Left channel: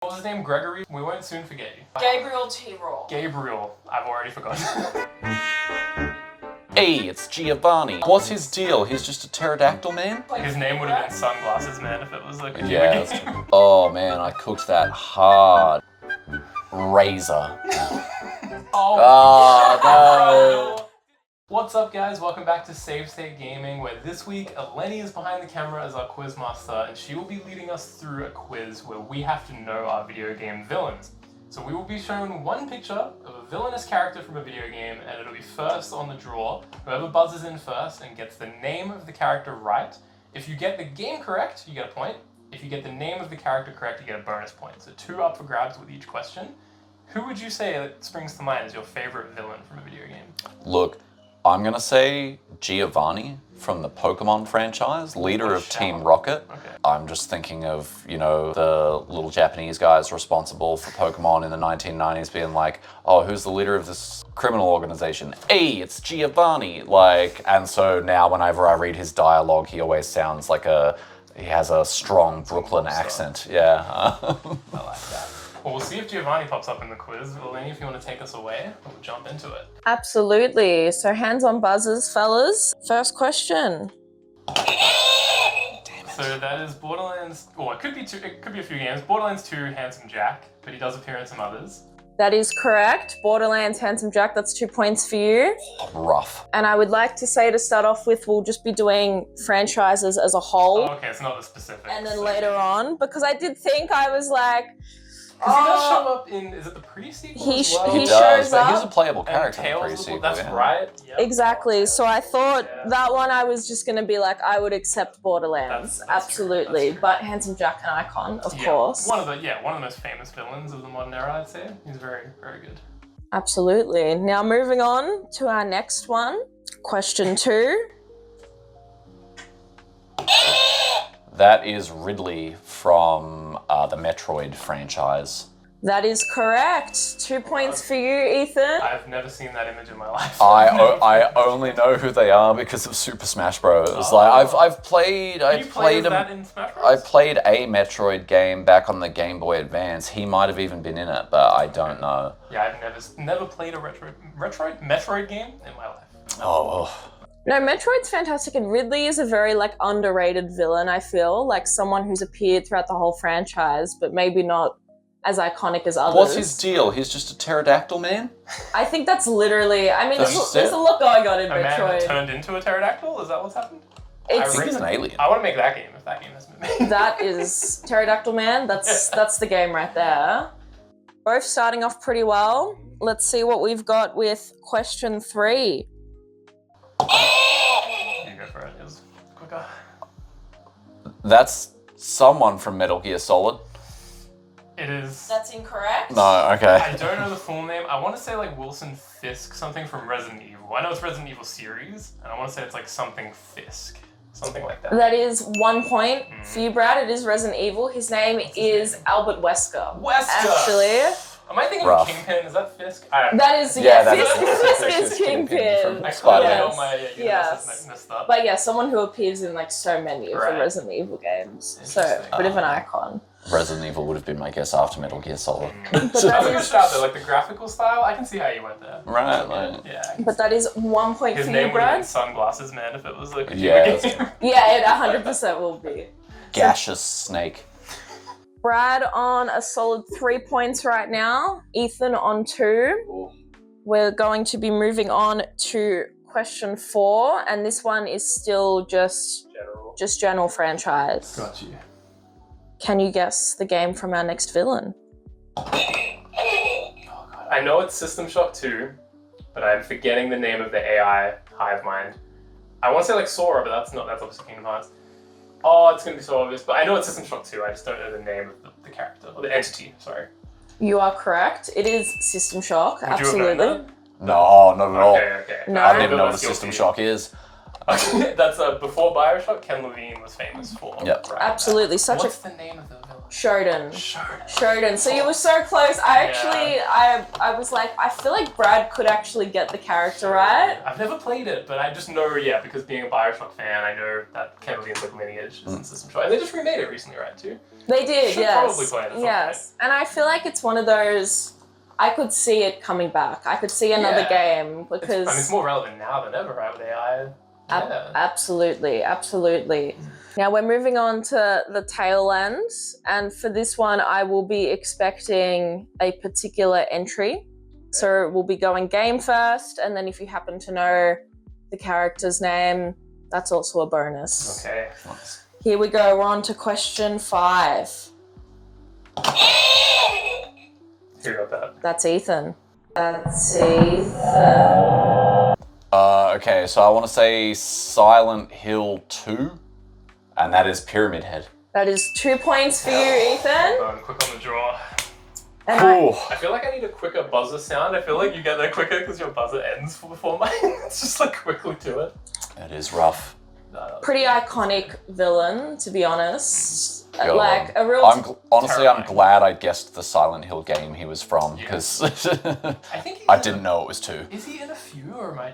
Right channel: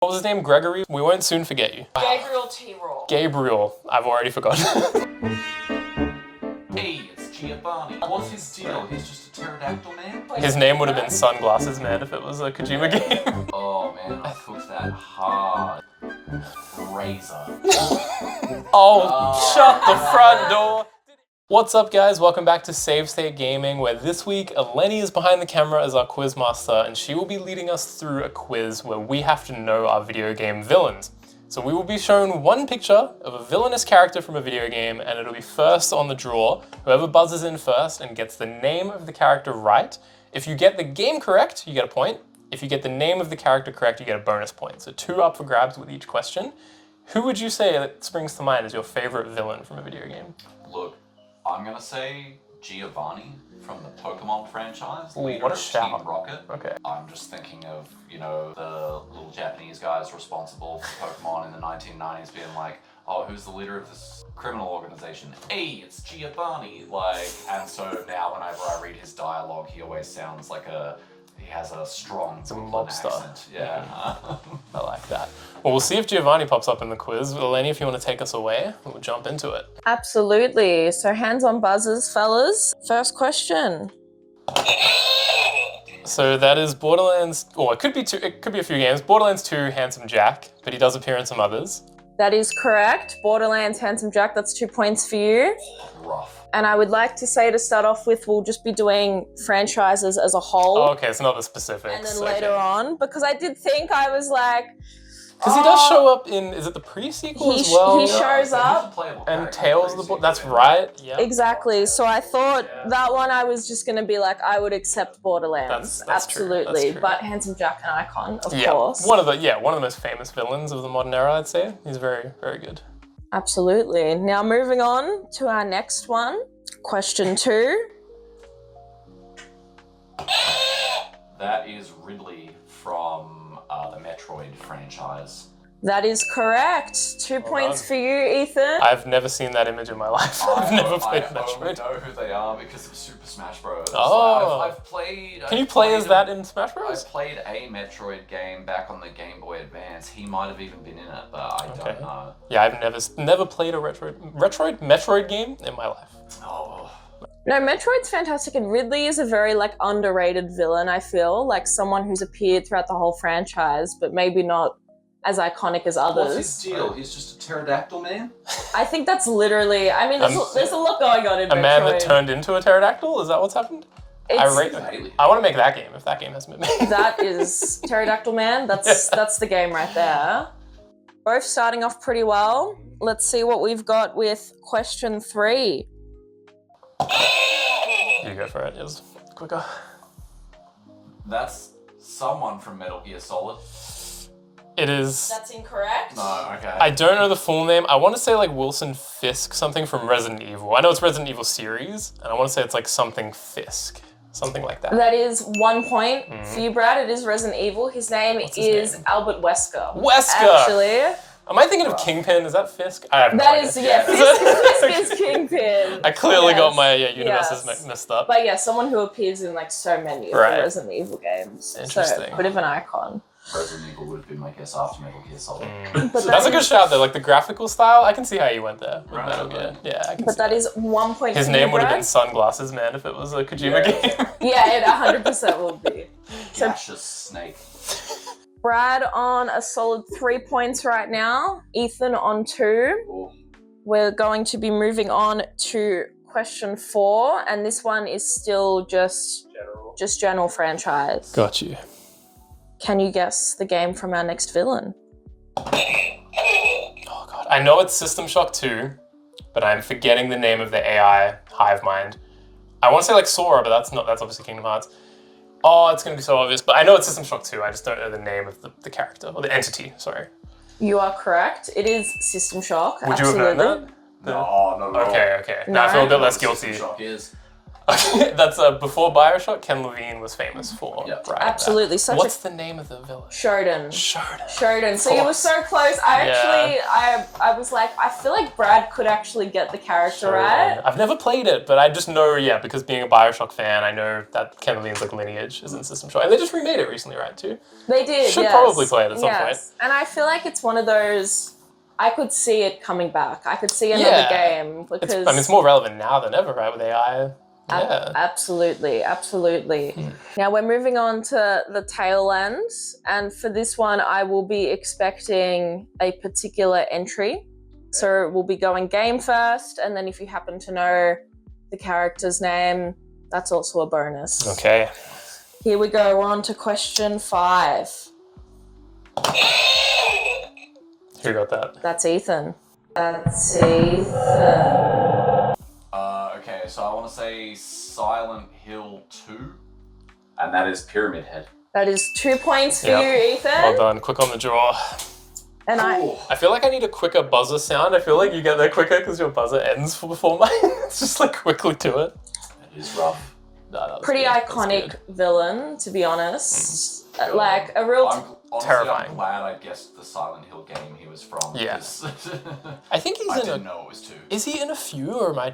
What was his name? Gregory? We won't soon forget you. Gabriel T. Roll. Gabriel. I've already forgotten. Hey, it's Giovanni. What's his deal? He's just a pterodactyl man? His name would have been Sunglasses Man if it was a Kojima game. Oh man, I cooked that hard. Razor. Shut the front door. What's up guys, welcome back to Save State Gaming, where this week Eleni is behind the camera as our quiz master and she will be leading us through a quiz where we have to know our video game villains. So we will be shown one picture of a villainous character from a video game and it'll be first on the draw. Whoever buzzes in first and gets the name of the character right. If you get the game correct, you get a point. If you get the name of the character correct, you get a bonus point. So 2 up for grabs with each question. Who would you say that springs to mind as your favorite villain from a video game? Look, I'm gonna say Giovanni from the Pokemon franchise, leader of Team Rocket. Okay. I'm just thinking of, you know, the little Japanese guys responsible for Pokemon in the 1990s being like, oh, who's the leader of this criminal organization? Hey, it's Giovanni. And so now whenever I read his dialogue, he always sounds like he has a strong Brooklyn accent. Yeah. I like that. Well, we'll see if Giovanni pops up in the quiz. Eleni, if you want to take us away, we'll jump into it. Absolutely. So hands on buzzers, fellas. First question. So that is Borderlands, or it could be a few games. Borderlands 2, Handsome Jack, but he does appear in some others. That is correct. Borderlands, Handsome Jack, that's 2 points for you. Rough. And I would like to say to start off with, we'll just be doing franchises as a whole. Oh, okay, it's not the specifics. And then later on, because I did think I was like, because he does show up in, is it the pre-sequel as well? He shows up. He's a playable character. And Tales of the Book, that's right. Yep. Exactly. So I thought that one I was just going to be like, I would accept Borderlands. That's absolutely. True. That's true. But Handsome Jack, an icon, of course. One of the most famous villains of the modern era, I'd say. He's very, very good. Absolutely. Now moving on to our next one. Question 2. That is Ridley from the Metroid franchise. That is correct. 2 points for you, Ethan. I've never seen that image in my life. I only know who they are because of Super Smash Bros. Oh. I've played. Can you play as that in Smash Bros? I played a Metroid game back on the Game Boy Advance. He might have even been in it, but I don't know. Yeah, I've never played a Metroid game in my life. Oh. No, Metroid's fantastic, and Ridley is a very underrated villain, I feel. Like someone who's appeared throughout the whole franchise, but maybe not as iconic as others. What's his deal? He's just a pterodactyl man? I think that's literally, I mean, there's a lot going on in Metroid. A man that turned into a pterodactyl? Is that what's happened? He's an alien. I want to make that game if that game has been made. That is Pterodactyl Man. That's the game right there. Both starting off pretty well. Let's see what we've got with question 3. You go for it, yes. Quicker. That's someone from Metal Gear Solid. It is. That's incorrect. No, okay. I don't know the full name. I want to say Wilson Fisk, something from Resident Evil. I know it's Resident Evil series, and I want to say it's something Fisk. Something like that. That is 1 point for you, Brad. It is Resident Evil. His name is Albert Wesker. Actually. Am I thinking of Kingpin? Is that Fisk? That is, Fisk is Kingpin. I clearly got my universes messed up. But yeah, someone who appears in so many of the Resident Evil games. So, a bit of an icon. Resident Evil would have been my guess after Metal Gear Solid. That's a good shout though, the graphical style, I can see how you went there. Right. Yeah. But that is 1 point for you, Brad. His name would have been Sunglasses Man if it was a Kojima game. Yeah, it 100% will be. Gaseous snake. Brad on a solid 3 points right now. Ethan on 2. Ooh. We're going to be moving on to question 4, and this one is still just general franchise. Got you. Can you guess the game from our next villain? Oh god, I know it's System Shock 2, but I'm forgetting the name of the AI hive mind. I want to say Sora, but that's obviously Kingdom Hearts. Oh, it's gonna be so obvious, but I know it's System Shock 2. I just don't know the name of the character or the entity. Sorry. You are correct. It is System Shock. Would absolutely. No, not at all. Okay. No. I feel a bit I know less what guilty. System Shock is. Okay, that's before Bioshock, Ken Levine was famous for. Yep. Right, Absolutely, right. such What's the name of the villain? Shodan. Shodan. So you were so close. I was like, I feel like Brad could actually get the character right. I've never played it, but I just know, because being a Bioshock fan, I know that Ken Levine's like lineage is in System Shock. And they just remade it recently, right, too? They did, Should probably play it at some point. And I feel like it's one of those, I could see it coming back. I could see another game because... it's more relevant now than ever, right, with AI. Yeah. Absolutely. Now we're moving on to the tail end, and for this one I will be expecting a particular entry. So we'll be going game first, and then if you happen to know the character's name, that's also a bonus. Okay. Here we go, we're on to question 5. Who got that? That's Ethan. Okay, so I want to say Silent Hill 2, and that is Pyramid Head. That is 2 points for you, Ethan. Well done, quick on the draw. And I feel like I need a quicker buzzer sound. I feel like you get there quicker because your buzzer ends before mine. It's just like quickly to it. It is rough. Pretty iconic villain, to be honest. God. Like a real... Honestly, terrifying. I'm glad I guessed the Silent Hill game he was from, because I think he's I didn't know it was 2. Is he in a few, or am I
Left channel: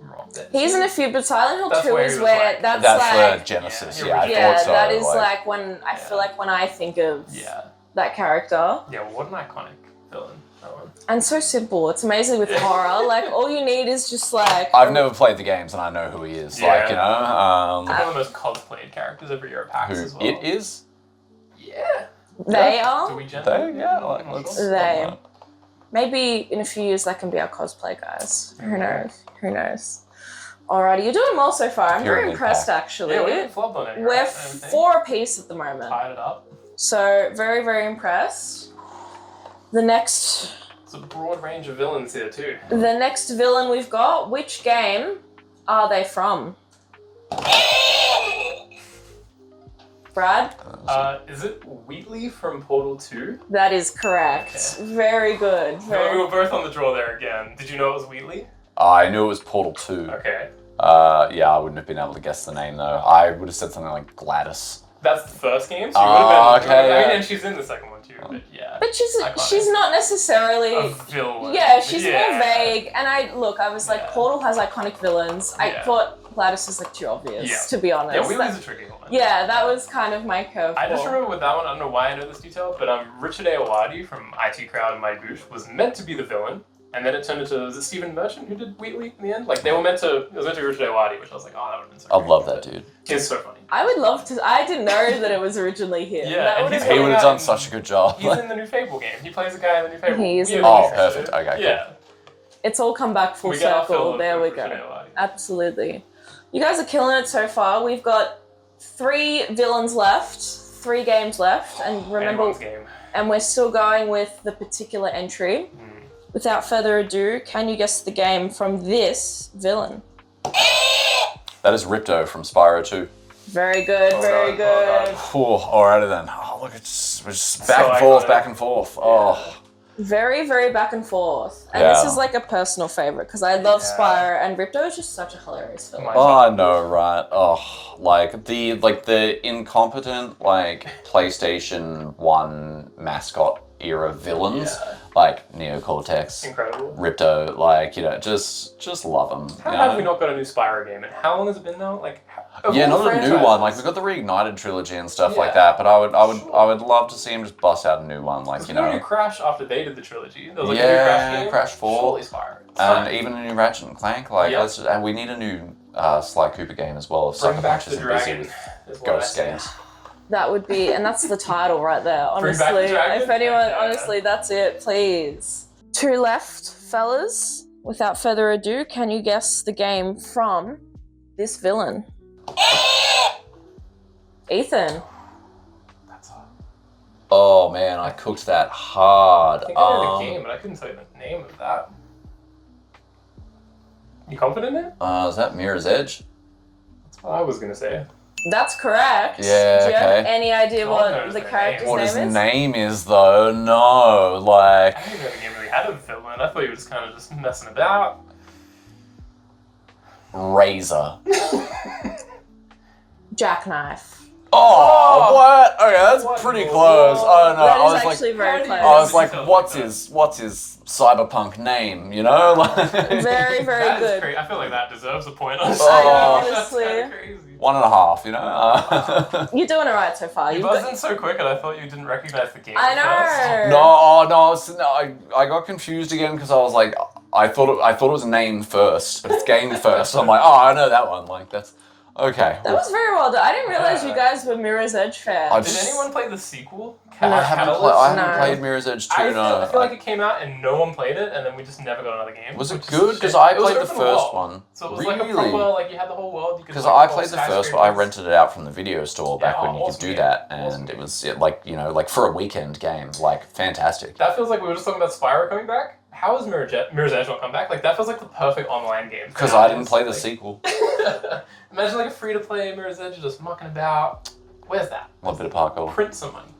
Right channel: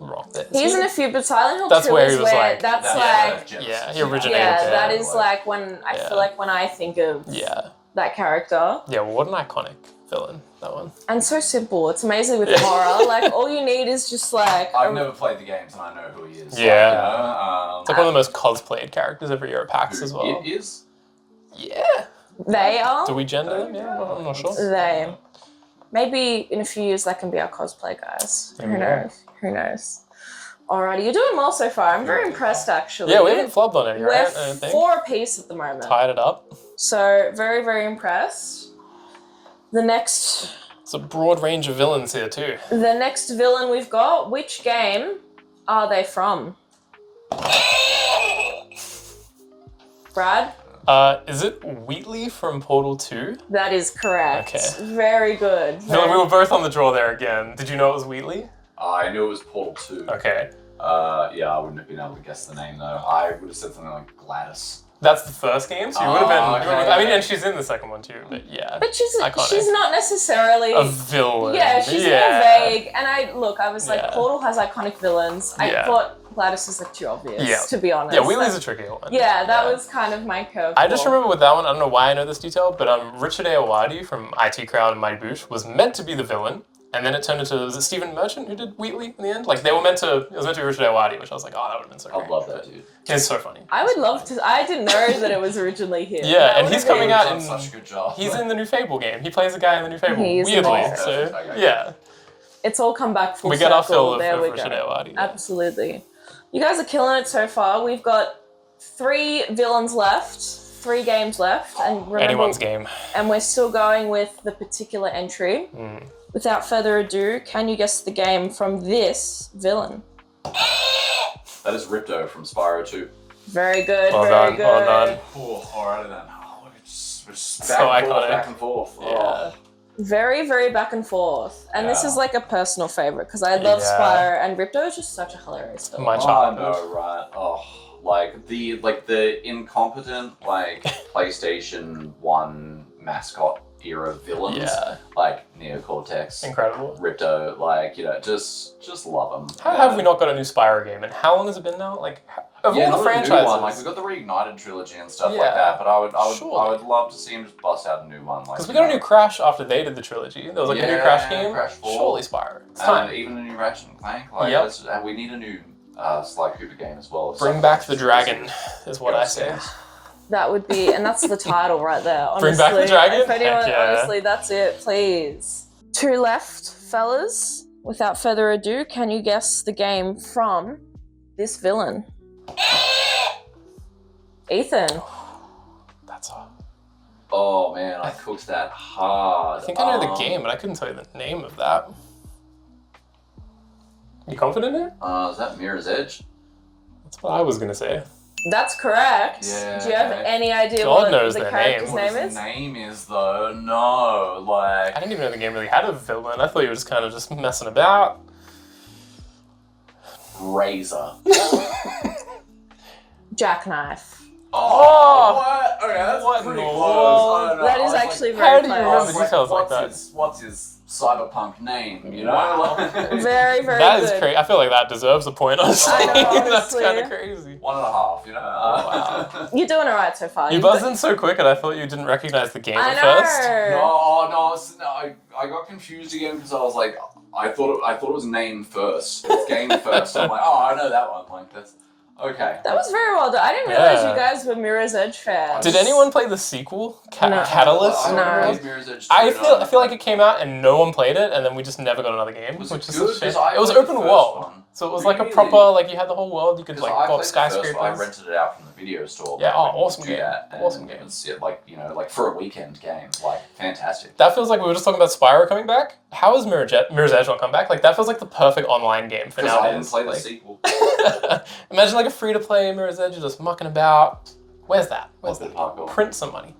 wrong? He's in a few, but Silent Hill That's 2 where he is was where like- that's That's where like... Genesis. Yeah, he originated. that is like when I feel like when I think of that character. Yeah, well, what an iconic villain, that one. And so simple. It's amazing with horror. Like all you need is just like... I've never played the games and I know who he is. Yeah. Like, you know, It's like one of the most cosplayed characters every year at PAX as well. it is. Yeah. They are. Do we gender? Yeah, I'm not sure. They. Maybe in a few years that can be our cosplay guys. Who knows? Who knows? Alrighty, you're doing well so far. I'm very impressed actually. Yeah, we haven't flubbed on any, We're right? I don't think. 4 apiece at the moment. Tied it up. So very, very impressed. The next It's a broad range of villains here too. The next villain we've got, which game are they from? Brad? Is it Wheatley from Portal 2? That is correct. Okay. Very good. No, we were both on the draw there again. Did you know it was Wheatley? I knew it was Portal 2. Okay. Yeah, I wouldn't have been able to guess the name though. I would have said something like Gladys. That's the first game, so you would have been... Okay. I mean, and she's in the second one too, but yeah. But she's Iconic. not necessarily... A villain. Yeah, she's more vague. And I was like, Yeah. Portal has iconic villains. I Yeah. thought Gladys is like too obvious, Yeah. to be honest. Yeah, Wheatley's a tricky one. Yeah, that was kind of my curveball. I just remember with that one, I don't know why I know this detail, but Richard Ayoade from IT Crowd and Mighty Boosh was meant to be the villain, and then it turned into, was it Stephen Merchant who did Wheatley in the end? Like, they were meant to, it was meant to be Richard Ayoade, which I was like, oh, that would have been so I great. love that dude. He's so funny. I would love to... I didn't know that it was originally him. Yeah, That and would he's have been- He would have done in- such a good job. He's in the new Fable game. He plays a guy in the new Fable. He is in Weirdly, the new Fable. Perfect. Okay. Yeah. It's all come back full We get our fill circle. of There we Richard go. Ayoade. Absolutely. You guys are killing it so far. We've got 3 villains left, 3 games left, and remember, Anyone's game. and we're still going with the particular entry. Without further ado, can you guess the game from this villain? That is Ripto from Spyro 2. Very good, Well very done, well good. done. Oh, alrighty then. Oh, look, we're just So iconic. back and forth. Oh. Very, very back and forth. And this Yeah. is like a personal favorite because I love Yeah. Spyro, and Ripto is just such a hilarious villain. My Oh, I childhood. know, right? Oh, like the incompetent PlayStation 1 mascot era villains, Yeah. like Neocortex, Incredible. Ripto, like, you know, just love them. How have we not got a new Spyro game? And how long has it been now? Like, of Yeah, all the not a new franchises. one. Like we got the Reignited trilogy and stuff like Yeah. that. But I would Sure. love to see him just bust out a new one. Like Because we you got a know, new Crash after they did the trilogy. There was like a new Yeah, Crash game. Crash 4. Surely Spyro. It's and time. even a new Ratchet and Clank. Like, Yep. and we need a new Sly Cooper game as well. Bring back the dragon is what I Ghost say. games. That would be, and that's the title right there, Bring honestly. back the dragon? If anyone, Heck yeah. honestly, that's it, please. 2 left, fellas. Without further ado, can you guess the game from this villain? Ethan. That's all. Oh man, I cooked that hard. I think I know the game, but I couldn't tell you the name of that. You confident in it? Is that Mirror's Edge? That's what I was gonna say. That's correct. Yeah, Do you have okay. any idea God what knows the their character's name. What name his is? name is though? No, like I didn't even know the game really had a villain. I thought you were just kind of just messing about. razor. Jackknife. Oh, what? Okay, that's pretty more? close. I don't know. That I is was actually like, very I close. was like, Details what's his cyberpunk name? You know, like Very, very That is good. crazy. I feel like that deserves a point, honestly. I know, That's honestly. kind of crazy. 1.5. You know. You're doing all right so far. You You've got- buzzed in so quick and I thought you didn't recognize the game I at know. first. No, I got confused again because I was like, I thought it was name first. It's game first. So I'm like, oh, I know that one. Like that's okay. That was very well done. I didn't realize Yeah. you guys were Mirror's Edge fans. Did anyone play the sequel? No. Catalyst? I No. haven't played Mirror's Edge 2. I feel like it came out and no one played it, and then we just never got another game. Was it which is a good? shame. Because I it was played the open first world, one. so it was like a Really? proper, like you had the whole world. You could Because like I pop played the first one, I skyscrapers. rented it out from the video store back Yeah, when you awesome could do game. that, and Awesome it game. was like like for a weekend game, like fantastic. That feels like we were just talking about Spyro coming back. How is Mirror's Edge not come back? Like that feels like the perfect online game. for Because I didn't nowadays. play the Like, sequel. Imagine like a free-to-play Mirror's Edge just mucking about. Where's that? What's the parkour? Print some money.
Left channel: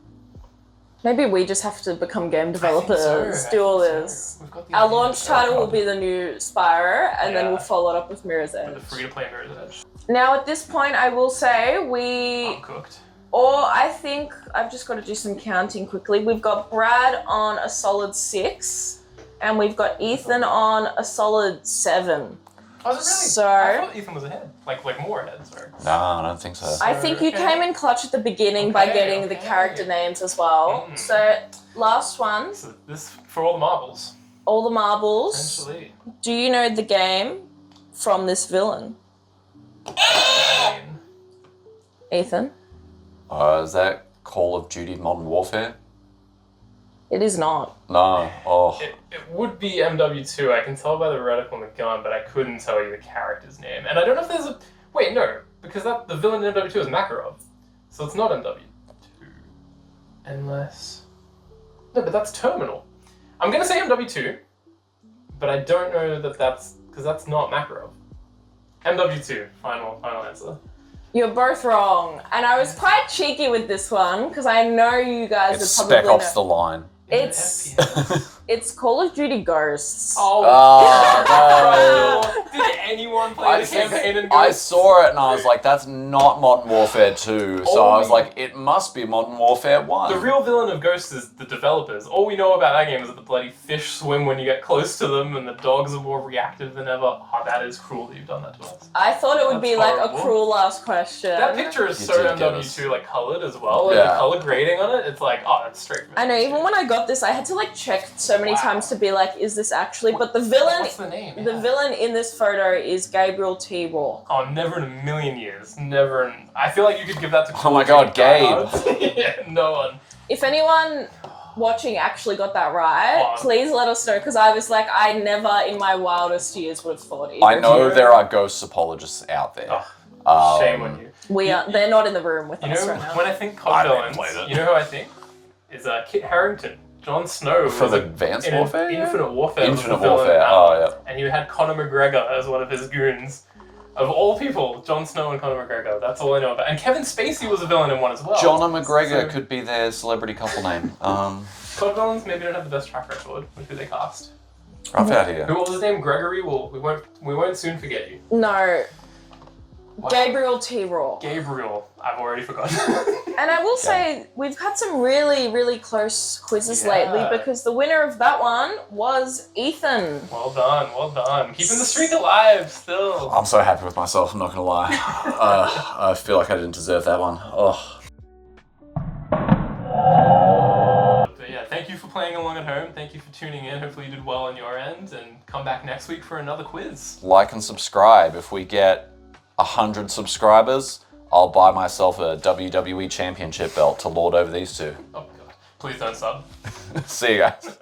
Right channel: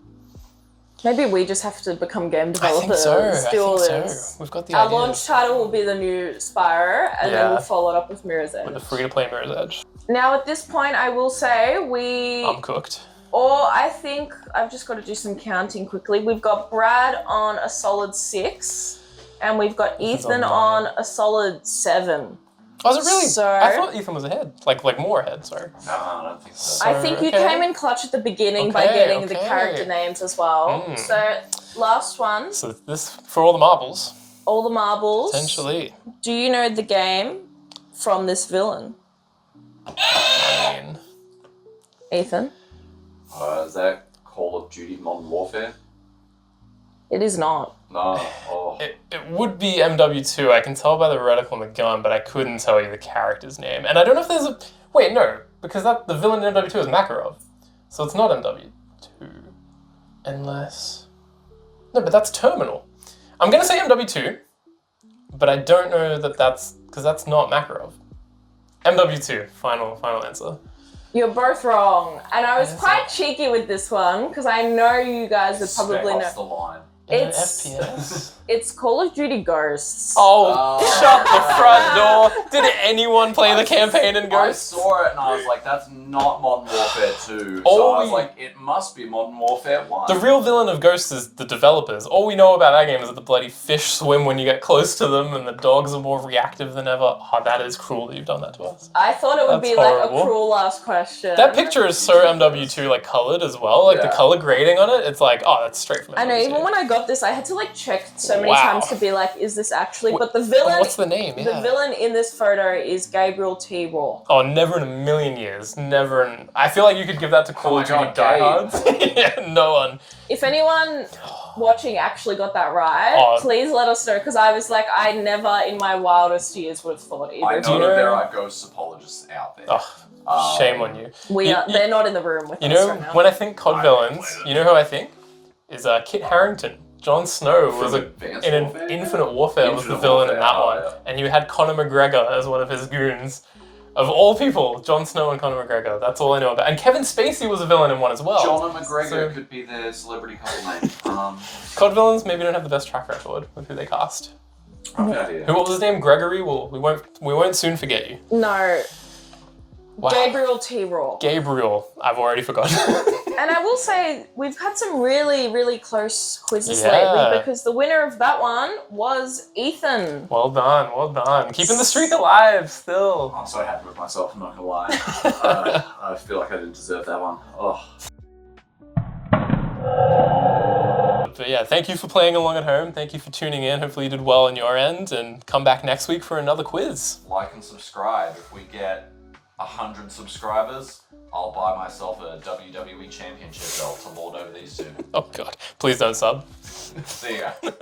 Maybe we just have to become game I think developers, so. do all I think this. so. We've got the Our idea launch of title will Spyro. be the new Spyro, and then Yeah. we'll follow it up with Mirror's the Edge. free-to-play Mirror's Edge. Now, at this point, I will say we, Uncooked. or I think I've just got to do some counting quickly. We've got Brad on a solid 6, and we've got Ethan on a solid 7. Was it really? So- I thought Ethan was ahead. Like more ahead, sorry. No, I don't think so. I think you okay. came in clutch at the beginning by Okay, getting the okay. character names as well. Mm. So, last one, So this, for all the marbles, all the marbles. potentially. Do you know the game from this villain? I mean, Ethan? Is that Call of Duty Modern Warfare? It is not. No. Oh. it would be MW2. I can tell by the reticle on the gun, but I couldn't tell you the character's name. And I don't know if there's a... Wait, no. Because the villain in MW2 is Makarov. So it's not MW2. Unless... No, but that's Terminal. I'm going to say MW2, but I don't know that that's... Because that's not Makarov. MW2. Final answer. You're both wrong. And I was quite cheeky with this one because I know you guys It's would Spec probably Ops know. the Line. Is it It's- FPS? It's Call of Duty Ghosts. Oh, Oh, shut the no. front door. Did anyone play the campaign in I Ghosts? saw it and I was like, that's not Modern Warfare 2. So Oh, I was we- like, it must be Modern Warfare 1. The real villain of Ghosts is the developers. All we know about that game is that the bloody fish swim when you get close to them and the dogs are more reactive than ever. Oh, that is cruel that you've done that to us. I thought it would That's be like horrible. a cruel last question. That picture is so Ridiculous. MW2 like coloured as well. Like the Yeah. colour grading on it, it's like, oh, that's straight from MW2. I know, even when I got this, I had to like check so many Wow. times to be like, is this actually? But the villain, What's the name? the Yeah. villain in this photo is Gabriel T. Raw. Oh, never in a million years. Never in... I feel like you could give that to Oh my God, diehards. Yeah, no one. If anyone watching actually got that right, Oh. please let us know because I was like, I never in my wildest years would have thought either. I of know you. there are ghost apologists out there. Oh, shame on you. They're not in the room with You us know, right now. when I think COD I don't villains, play that. you know who I think? Is Kit Harington. Jon Snow For was the Advanced in Warfare? Infinite Warfare was the Infinite villain in Warfare, that oh, one. And you had Conor McGregor as one of his goons. Of all people, Jon Snow and Conor McGregor. That's all I know about. And Kevin Spacey was a villain in one as well. John and McGregor So- could be their celebrity couple name. COD villains maybe don't have the best track record with who they cast. Rough idea. Who what was his name? Gregory? Well, we won't soon forget you. No, Wow. Gabriel T. Raw. Gabriel. I've already forgotten. And I will say, we've had some really, really close quizzes Yeah. lately because the winner of that one was Ethan. Well done, well done. Keeping the streak alive still. I'm so happy with myself, I'm not gonna lie. I feel like I didn't deserve that one. Oh. But yeah, thank you for playing along at home. Thank you for tuning in. Hopefully you did well on your end and come back next week for another quiz. Like and subscribe. If we get 100 subscribers, I'll buy myself a WWE Championship belt to lord over these two. Oh God, please don't sub. See you guys.